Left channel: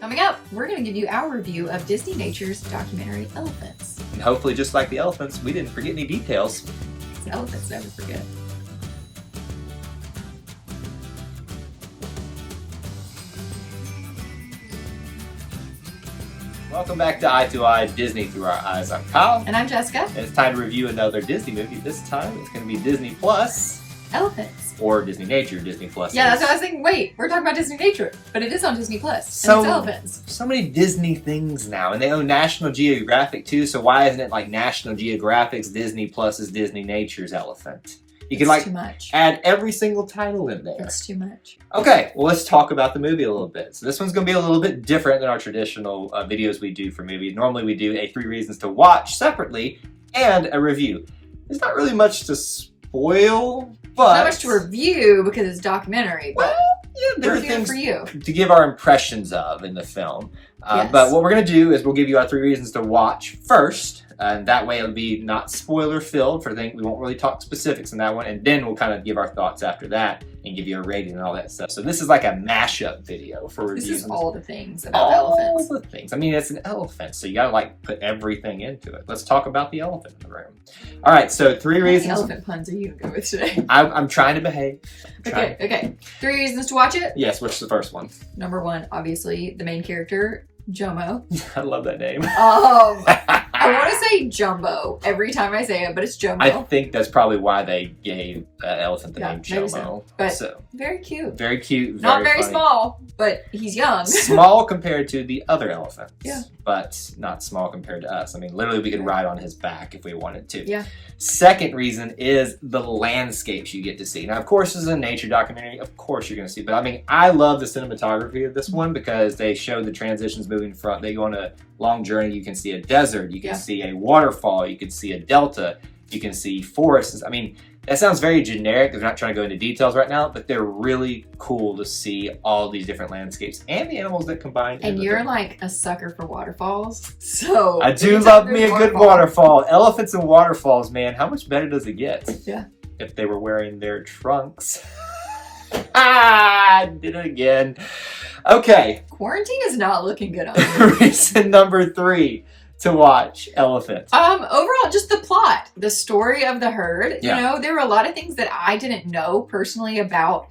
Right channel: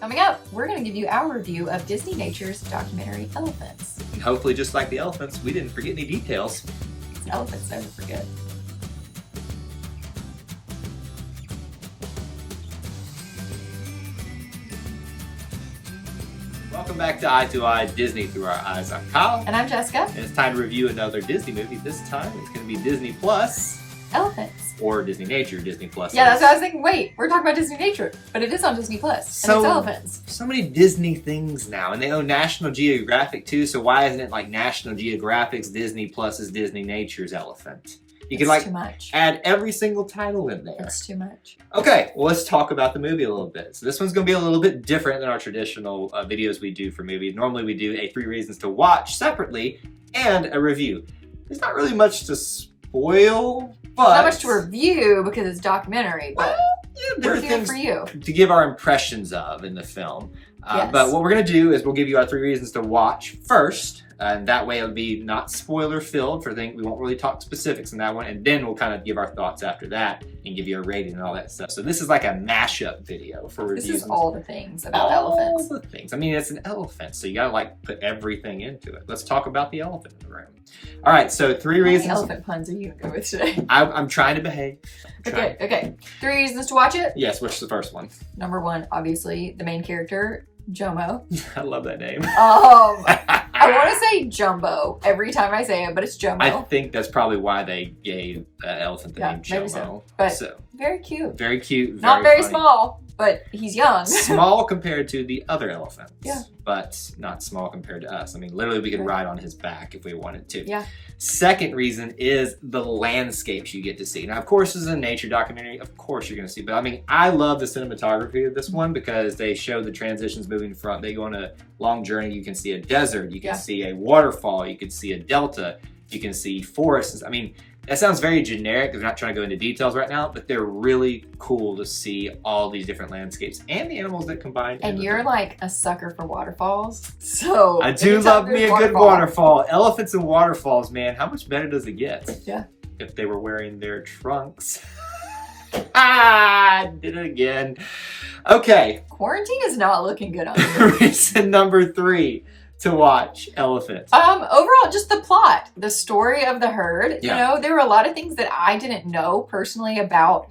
Coming up, we're going to give you our review of Disneynature's documentary Elephants. And hopefully, just like the elephants, we didn't forget any details. Elephants never forget. Welcome back to Eye Disney Through Our Eyes. I'm Kyle. And I'm Jessica. And it's time to review another Disney movie. This time it's going to be Disney Plus. Elephants. Or Disneynature, Disney Plus. Yeah, that's what I was thinking. Wait, we're talking about Disneynature, but it is on Disney Plus. So, and it's elephants. So many Disney things now, and they own National Geographic too, so why isn't it like National Geographic's Disney Plus's Disneynature's Elephant? You can like too much. Add every single title in there. It's too much. Okay, well let's talk about the movie a little bit. So this one's going to be a little bit different than our traditional videos we do for movies. Normally we do a 3 reasons to watch separately and a review. There's not really much to spoil, but... Not much to review because it's documentary, but yeah, there are things for you. To give our impressions of in the film. Yes. But what we're going to do is we'll give you our 3 reasons to watch first. And that way it'll be not spoiler filled for things. We won't really talk specifics in that one. And then we'll kind of give our thoughts after that and give you a rating and all that stuff. So this is like a mashup video for reviews. This is all the things about elephants. All the things. I mean, it's an elephant, so you gotta like put everything into it. Let's talk about the elephant in the room. All right, so 3 reasons. How many elephant puns are you gonna go with today? I'm trying to behave. Okay. 3 reasons to watch it? Yes, which is the first one? Number 1, obviously, the main character, Jomo. I love that name. I want to say Jumbo every time I say it, but it's Jomo. I think that's probably why they gave that elephant the name Jomo. So. But so, very cute. Very cute. Not very funny. small, but he's young. Small compared to the other elephants. Yeah. But not small compared to us. I mean, literally we could ride on his back if we wanted to. Yeah. Second reason is the landscapes you get to see. Now, of course, this is a nature documentary. Of course you're going to see. But I mean, I love the cinematography of this one because they show the transitions moving from. They go on a long journey. You can see a desert. You can see a waterfall. You can see a delta. You can see forests. I mean, that sounds very generic because we're not trying to go into details right now, but they're really cool to see all these different landscapes and the animals that combine. And you're like a sucker for waterfalls, so... I do love me a good waterfall. Elephants and waterfalls, man. How much better does it get? Yeah. If they were wearing their trunks. I did it again. Okay. Quarantine is not looking good on you. Reason number 3 to watch Elephant. Overall, just the plot, the story of the herd. Yeah. You know, there were a lot of things that I didn't know personally about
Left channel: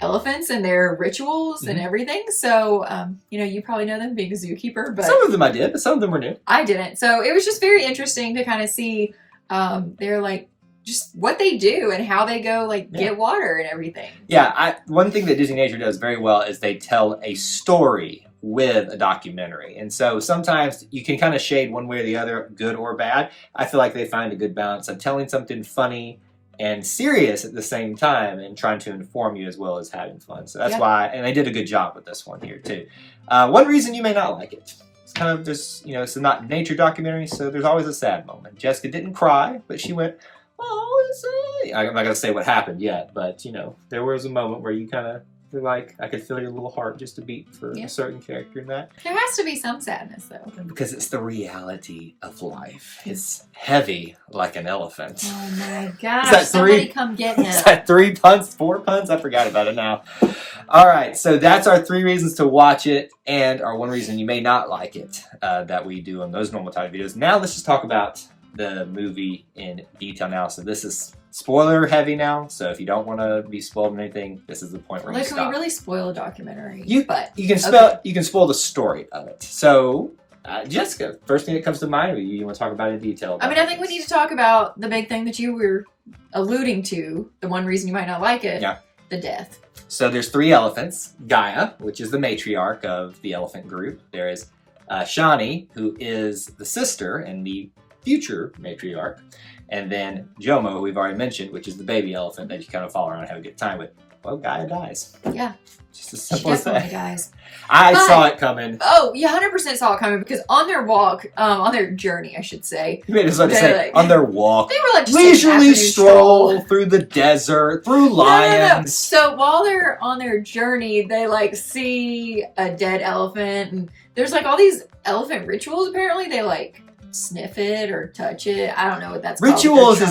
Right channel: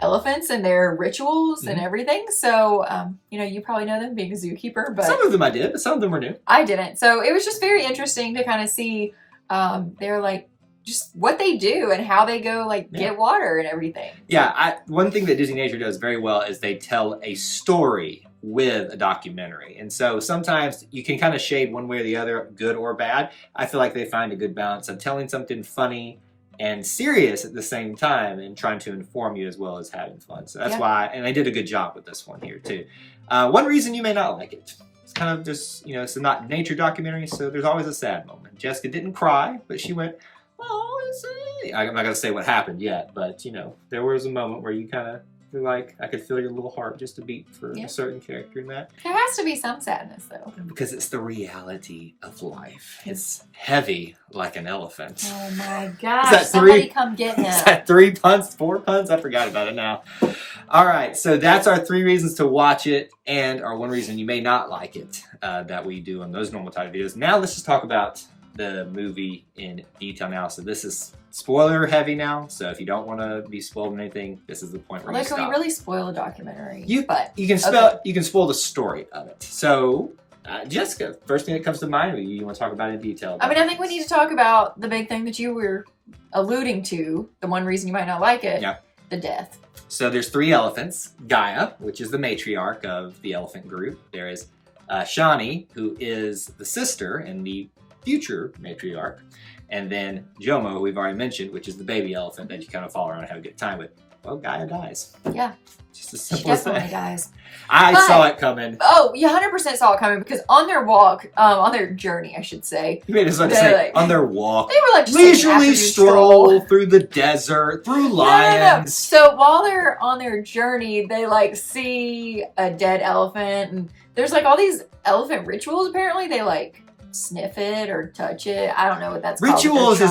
elephants and their rituals and everything. So, you know, you probably know them being a zookeeper, but some of them I did, but some of them were new. I didn't. So it was just very interesting to kind of see they're like just what they do and how they go like get water and everything. Yeah, one thing that Disneynature does very well is they tell a story with a documentary. And so sometimes you can kind of shade one way or the other, good or bad. I feel like they find a good balance of telling something funny and serious at the same time and trying to inform you as well as having fun. So that's why, and they did a good job with this one here too. One reason you may not like it. It's kind of just, you know, it's not nature documentary, so there's always a sad moment. Jessica didn't cry, but she went, oh, I'm not going to say what happened yet, but, you know, there was a moment where you kind of feel like I could feel your little heart just a beat for a certain character in that. There has to be some sadness, though. Because it's the reality of life. It's heavy like an elephant. Oh, my gosh. Somebody come get him. Is that 3 puns? 4 puns? I forgot about it now. All right, so that's our 3 reasons to watch it and our 1 reason you may not like it that we do on those normal type videos. Now let's just talk about the movie in detail now. So this is spoiler heavy now. So if you don't want to be spoiled in anything, this is the point where you stop. Can we really spoil a documentary? You can spoil the story of it. So Jessica, first thing that comes to mind, you want to talk about in detail? I mean, I think we need to talk about the big thing that you were alluding to. The 1 reason you might not like it. Yeah. The death. So there's 3 elephants. Gaia, which is the matriarch of the elephant group. There is Shani, who is the sister and the future matriarch. And then Jomo, who we've already mentioned, which is the baby elephant that you kind of follow around and have a good time with. Well, Gaia dies. Yeah. Just as simple as that. Dies. I saw it coming. Oh, you 100% saw it coming because on their walk, on their journey, I should say. You made it like to say, on their walk. They were like just leisurely stroll through the desert, through lions. No. So while they're on their journey, they like see a dead elephant and there's like all these elephant rituals apparently. They like sniff it or touch it. I don't know what that's called. Rituals is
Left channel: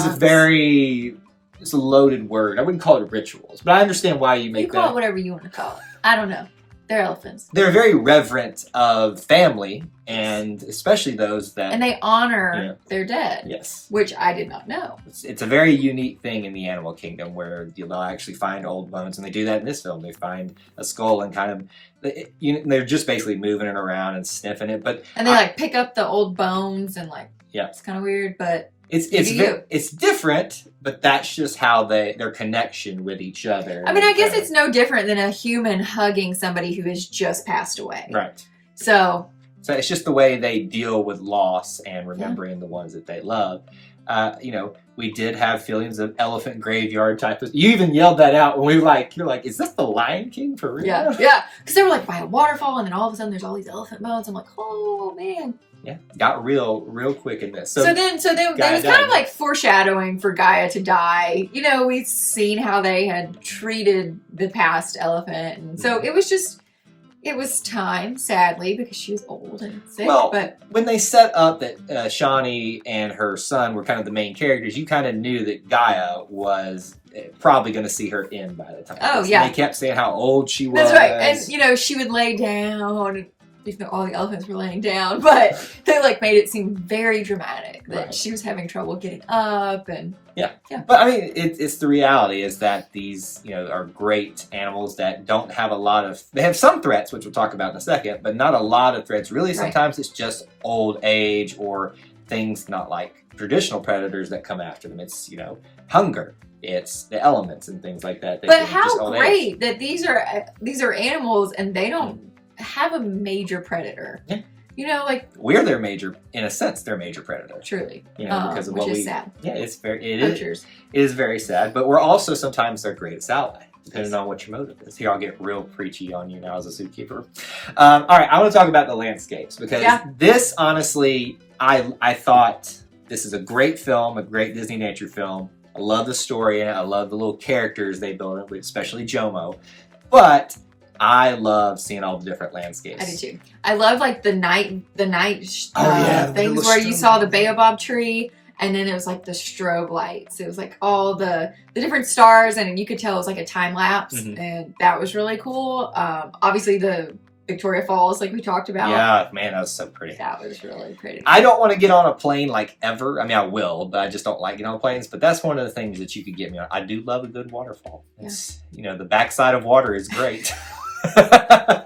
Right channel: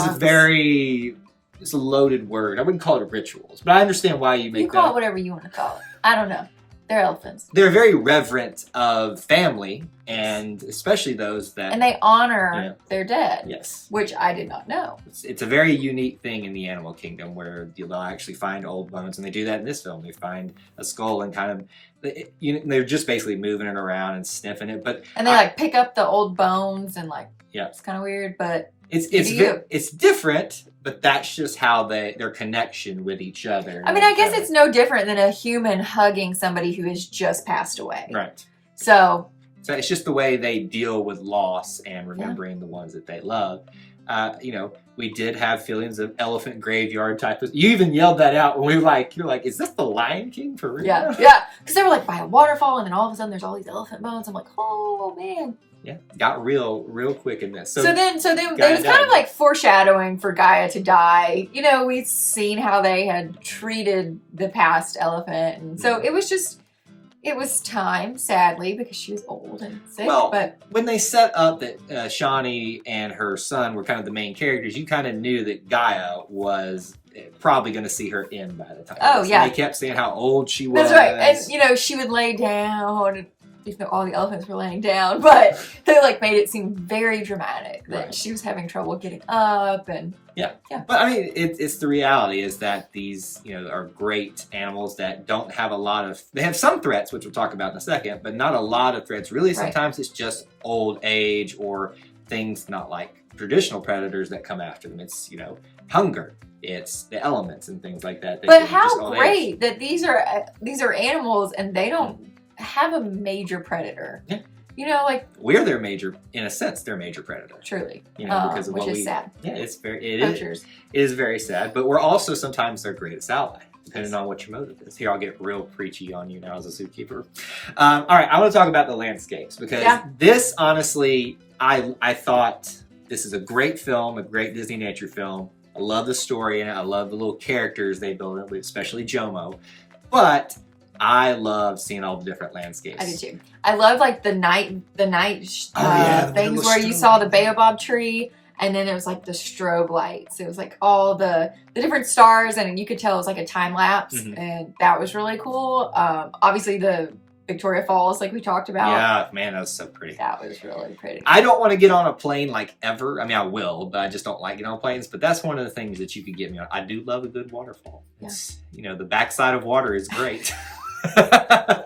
it's a loaded word. I wouldn't call it rituals, but I understand why you make that. You call it whatever you want to call it. I don't know. They're elephants. They're very reverent of family, and especially those that... And they honor their dead. Yes. Which I did not know. It's a very unique thing in the animal kingdom where they'll actually find old bones, and they do that in this film. They find a skull and kind of... they're just basically moving it around and sniffing it, but... And they pick up the old bones and yeah. It's kind of weird, but... It's different, but that's just how their connection with each other. I mean, I guess it's no different than a human hugging somebody who has just passed away. Right. So it's just the way they deal with loss and remembering the ones that they love. We did have feelings of elephant graveyard type of... You even yelled that out when you're like, is this the Lion King for real? Yeah. Because they were by a waterfall, and then all of a sudden there's all these elephant bones. I'm like, oh, man. Yeah, got real quick in this. So then it was kind of foreshadowing for Gaia to die. We've seen how they had treated the past elephant, and so it was time, sadly, because she was old and sick. Well, but when they set up that Shawnee and her son were kind of the main characters, you kind of knew that Gaia was probably going to see her end by the time. Oh, yeah. They kept saying how old she was. That's right. And, she would lay down... Even though all the elephants were laying down, but they made it seem very dramatic that she was having trouble getting up, and yeah. But I mean, it's the reality is that these are great animals that don't have a lot of. They have some threats, which we'll talk about in a second, but not a lot of threats. Really, sometimes it's just old age or things not like traditional predators that come after them. It's hunger. It's the elements and things like that. But how great that these are animals and they don't have a major predator. Yeah. We're their major, in a sense, their major predator. Truly. Because of what which is sad. Yeah, it is very sad, but we're also sometimes their greatest ally, depending on what your motive is. Here, I'll get real preachy on you now as a zookeeper. All right, I want to talk about the landscapes, because this, honestly, I thought this is a great film, a great Disney nature film. I love the story, and I love the little characters they build in, especially Jomo. But I love seeing all the different landscapes. I do too. I love the night things where you saw the baobab tree, and then it was the strobe lights. It was all the different stars, and you could tell it was a time lapse, and that was really cool. Obviously the Victoria Falls, we talked about. Yeah, man, that was so pretty. That was really pretty. I don't want to get on a plane ever. I mean, I will, but I just don't like getting on planes. But that's one of the things that you could get me on. I do love a good waterfall. It's the backside of water is great. The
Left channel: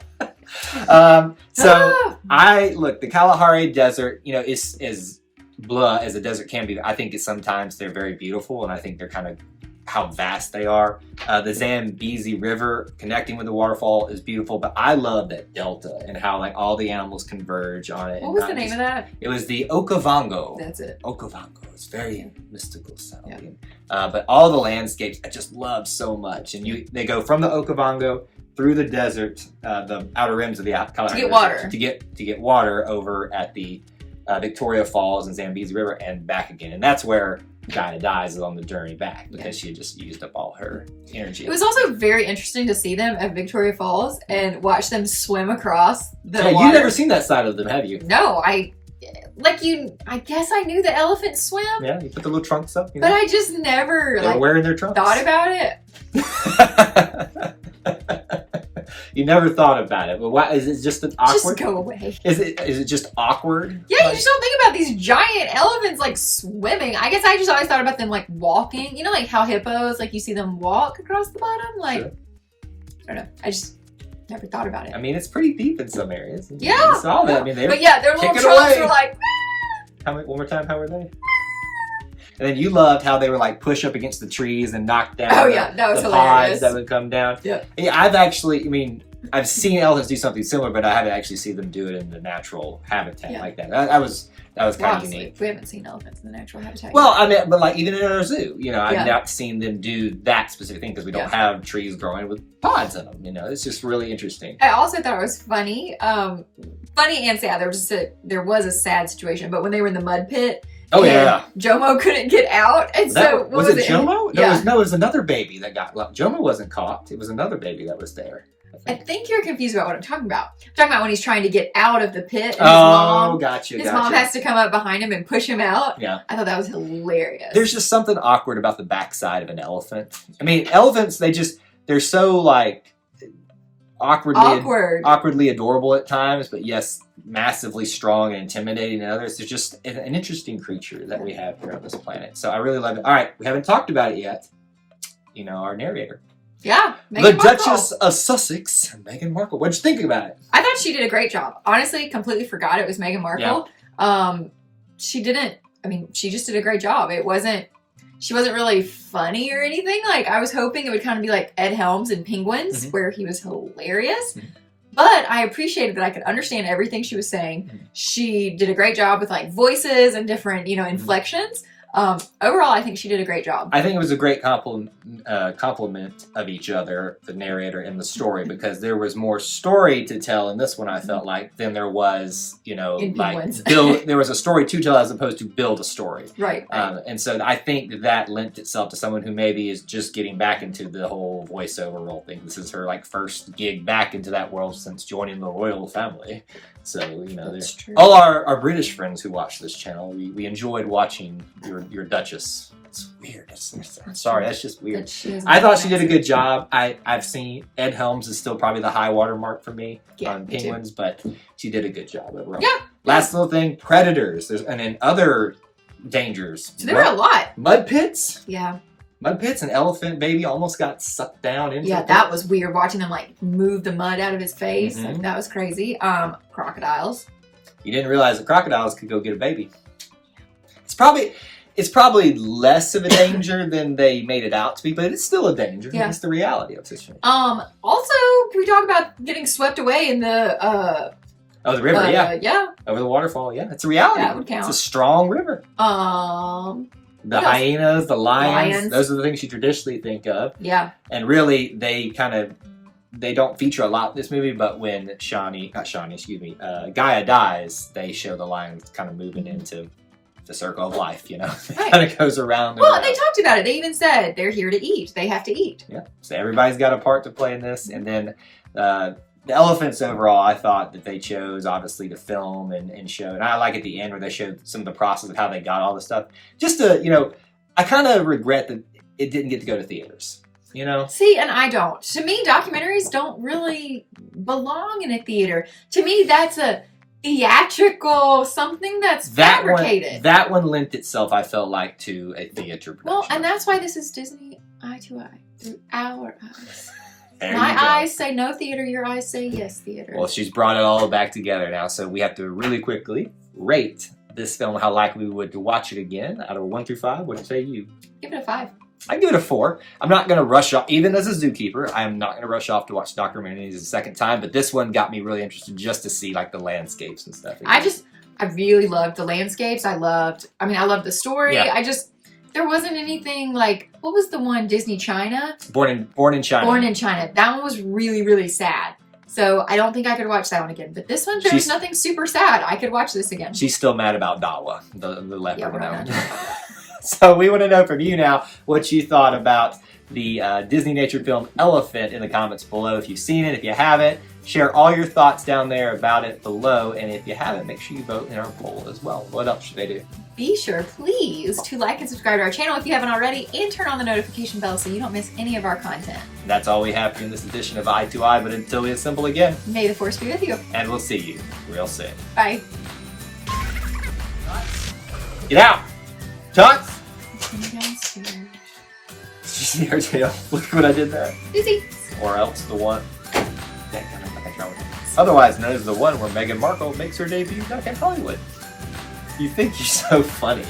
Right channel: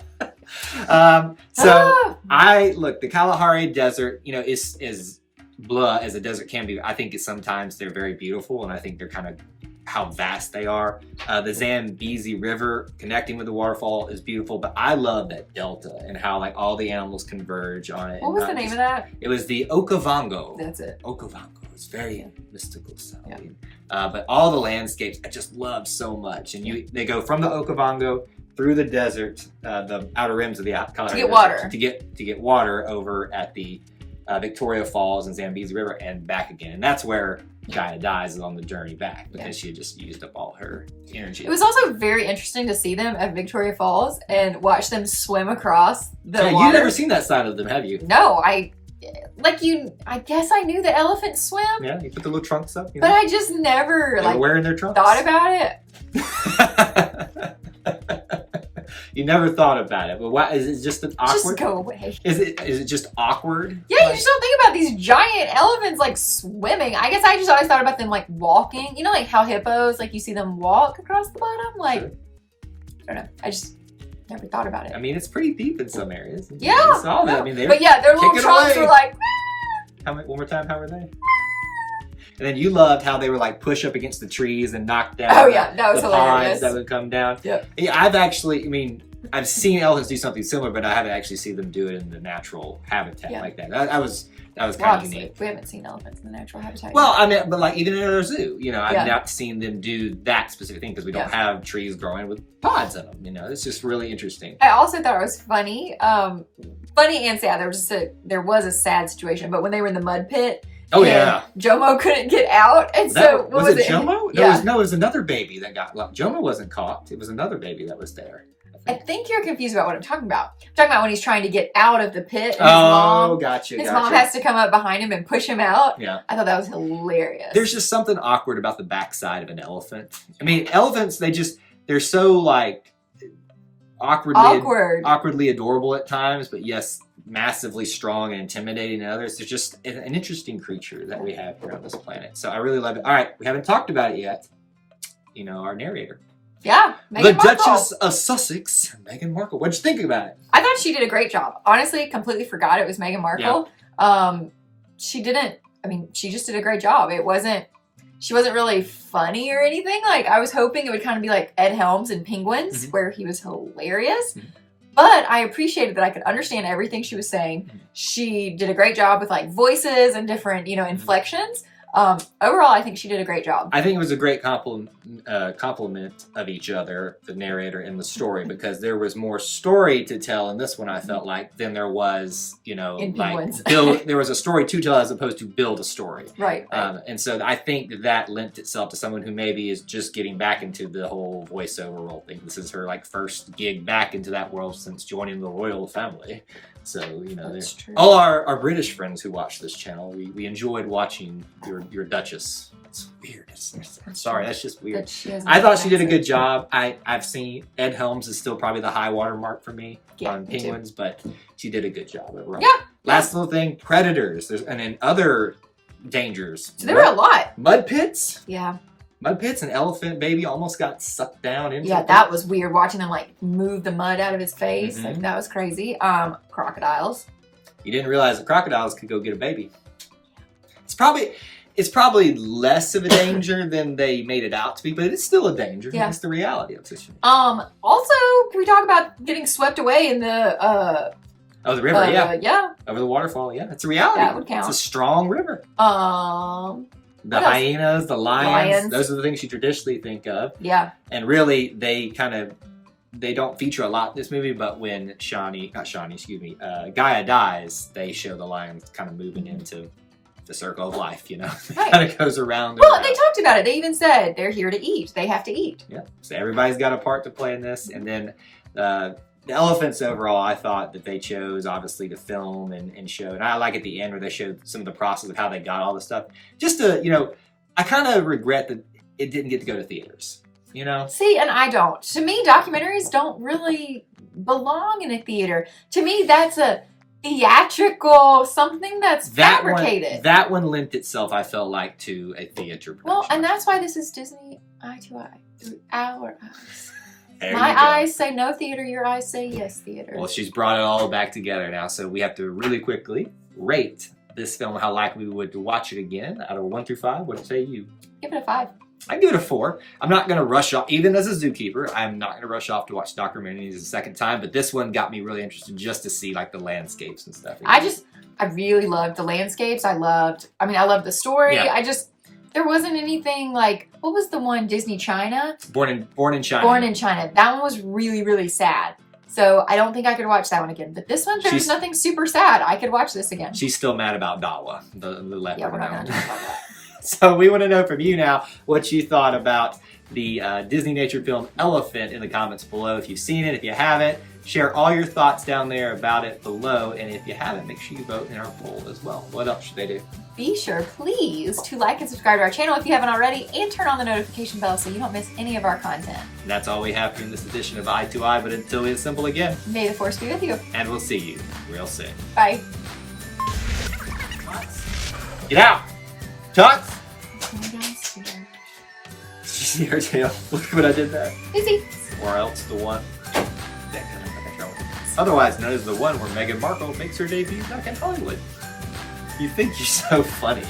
Kalahari Desert, is as blah as a desert can be. I think sometimes they're very beautiful, and I think they're kind of how vast they are. The Zambezi River connecting with the waterfall is beautiful, but I love that delta and how all the animals converge on it. What was the name of that? It was the Okavango. That's it. Okavango. It's very mystical sounding. Yeah. But all the landscapes I just love so much, and they go from the Okavango through the desert, the outer rims of the Kalahari Desert, to get water over at the Victoria Falls and Zambezi River and back again, and that's where Gaia dies, is on the journey back because she had just used up all her energy. It was also very interesting to see them at Victoria Falls and watch them swim across the water. You've never seen that side of them, have you? No, I guess I knew the elephants swim. Yeah, you put the little trunks up. But I just never they were wearing their trunks. Thought about it. You never thought about it, but why is it just awkward? Just go away. Is it just awkward? Yeah, you just don't think about these giant elephants swimming. I guess I just always thought about them walking. You know, how hippos, you see them walk across the bottom. Sure. I don't know. I just never thought about it. I mean, it's pretty deep in some areas. Yeah. You saw that. I mean, their little trunks were one more time. How were they? And then you loved how they were push up against the trees and knock down that was the hilarious. pods that would come down. Yeah. I've seen elephants do something similar, but I haven't actually seen them do it in the natural habitat like that. That was kind of unique. We haven't seen elephants in the natural habitat. Well, I mean, but even in our zoo, I've not seen them do that specific thing because we don't have trees growing with pods in them. It's just really interesting. I also thought it was funny, funny and sad. There was a sad situation, but when they were in the mud pit. Oh yeah, Jomo couldn't get out, and was it Jomo? No, it was another baby that got. Jomo wasn't caught. It was another baby that was there. I think you're confused about what I'm talking about. I'm talking about when he's trying to get out of the pit. And gotcha. His mom has to come up behind him and push him out. Yeah, I thought that was hilarious. There's just something awkward about the backside of an elephant. I mean, elephants they're so awkwardly adorable at times, but yes, massively strong and intimidating in others. There's just an interesting creature that we have here on this planet. So I really love it. All right, we haven't talked about it yet. You know, our narrator. Yeah, the Duchess of Sussex, Meghan Markle. What'd you think about it? I thought she did a great job. Honestly, completely forgot it was Meghan Markle. Yeah. She just did a great job. She wasn't really funny or anything. Like, I was hoping it would kind of be like Ed Helms in Penguins, where he was hilarious. But I appreciated that I could understand everything she was saying. She did a great job with like voices and different, inflections. Overall, I think she did a great job. I think it was a great compliment of each other, the narrator and the story, because there was more story to tell in this one, I felt like, than there was, there was a story to tell as opposed to build a story. Right. And so I think that lent itself to someone who maybe is just getting back into the whole voiceover role thing. This is her first gig back into that world since joining the royal family. So, all our British friends who watch this channel, we enjoyed watching your Duchess. It's weird. I'm sorry, that's just weird. I thought she did a good job. I've seen Ed Helms is still probably the high water mark for me on Penguins, but she did a good job overall. Yeah. Last little thing, predators. And then other dangers. So there were a lot. Mud pits. Yeah. Mud pits, an elephant baby almost got sucked down into it. That was weird, watching them move the mud out of his face. Like, that was crazy. Crocodiles. You didn't realize that crocodiles could go get a baby. It's probably less of a danger than they made it out to be, but it's still a danger. Yeah. It's the reality of the situation. Also, can we talk about getting swept away in the the river, yeah. Over the waterfall, yeah. It's a reality. That would count. It's a strong river. The hyenas, the lions, those are the things you traditionally think of. Yeah. And really, they don't feature a lot in this movie, but when Gaia dies, they show the lions kind of moving into the circle of life, It kind of goes around. Well, they talked about it. They even said they're here to eat. They have to eat. Yeah. So everybody's got a part to play in this. And then the elephants overall, I thought that they chose, obviously, to film and show. And I like at the end where they showed some of the process of how they got all this stuff. Just to, I kind of regret that it didn't get to go to theaters, See, and I don't. To me, documentaries don't really belong in a theater. To me, that's a theatrical something that's fabricated. That one lent itself, I felt like, to a theater production. Well, and that's why this is Disney eye to eye, through our eyes. My eyes say no theater, your eyes say yes theater. Well, she's brought it all back together now, so we have to really quickly rate this film, how likely we would to watch it again, out of 1 through 5. What say you? Give it a 5. I give it a 4. I'm not going to rush off, even as a zookeeper, I'm not going to ruch off to watch documentaries a second time, but this one got me really interested just to see the landscapes and stuff. I really loved the landscapes. I loved the story. Yeah. There wasn't anything what was the one, Disney China? Born in China. Born in China. That one was really, really sad. So I don't think I could watch that one again. But this one, there's nothing super sad. I could watch this again. She's still mad about Dawa, the leopard. Yeah, so we want to know from you now what you thought about the Disneynature film Elephant in the comments below. If you've seen it, if you haven't, share all your thoughts down there about it below. And if you haven't, make sure you vote in our poll as well. What else should they do? Be sure, please, to like and subscribe to our channel if you haven't already, and turn on the notification bell so you don't miss any of our content. And that's all we have for you in this edition of Eye to Eye, but until we assemble again, may the Force be with you. And we'll see you real soon. Bye. Get out! Tots! Did you see her tail? Look what I did there. Busy. Or else the one. Otherwise known as the one where Meghan Markle makes her debut back in Hollywood. You think you're so funny.